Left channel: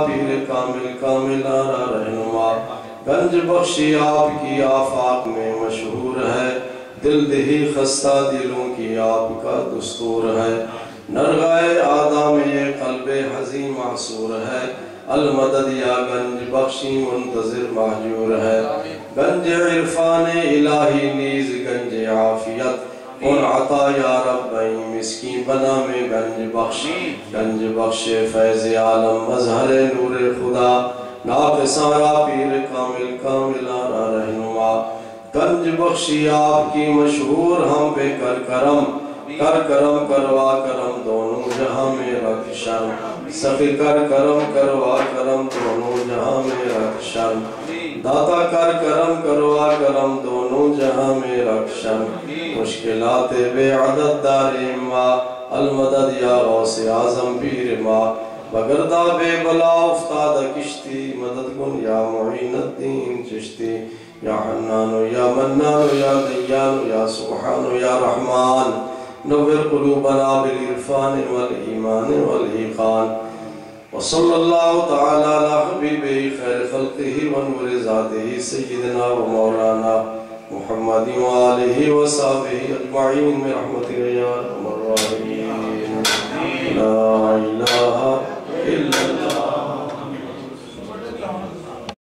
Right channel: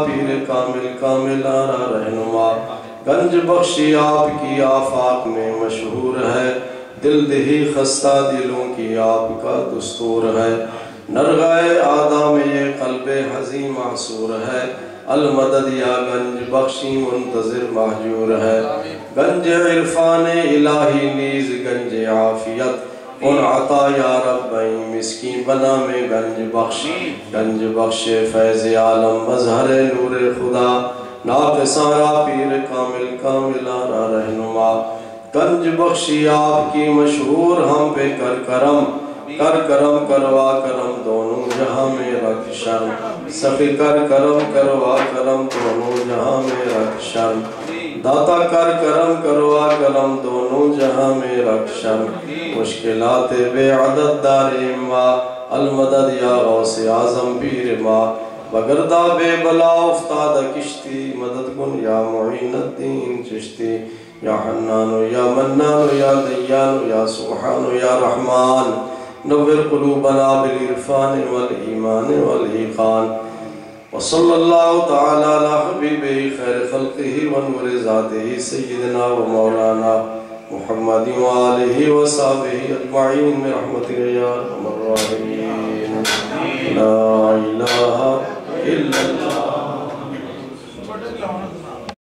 پیر کامل کامل آرا رہنما گنج بخشی آپ کی آفاق میں مشہور ہے دل دہی خستہ دلوں کی آپ کا دستور ہے نرغائے آدھا میں یہ قلب حزین محصور ہے المدد یا گنج بخشی منتظر محجور ہے گنج عرفان الہی نیز گنج عافیت ان عطا یا رب مسکین بنا میں گنج بخش فیض عالم مظہر نور خدا ناقصارا پیر کامل کامل آرا رہنما گنج بخشی آپ کی مشہور ہم پہ کر کرم کروا کرم دونوں جہاں میں رکھ شرم سخی کر کرم کروا کرم دونوں جہاں میں رکھ شرم داتا کر کرم کروا کرم دونوں جہاں میں رکھ شرم مشکلات بے عدد داریم ما المدد یا غوث اعظم پیر ما بگردہ بے بلا افتاد کشتی مدد کن یا معین الدین چشتی یا حنان یا منان یا دیان یا سبحان یا رحمان نور قلوبنا بالعرفان والایمان والایقان وصلی اللہ تعالی علی حبیبہ خیر خلقہ ونور ذاتہ سیدنا و مولانا محمد وآلہ وصحبہ اجمعین برحمتک یا ارحم الراحمین لا الہ الا اللہ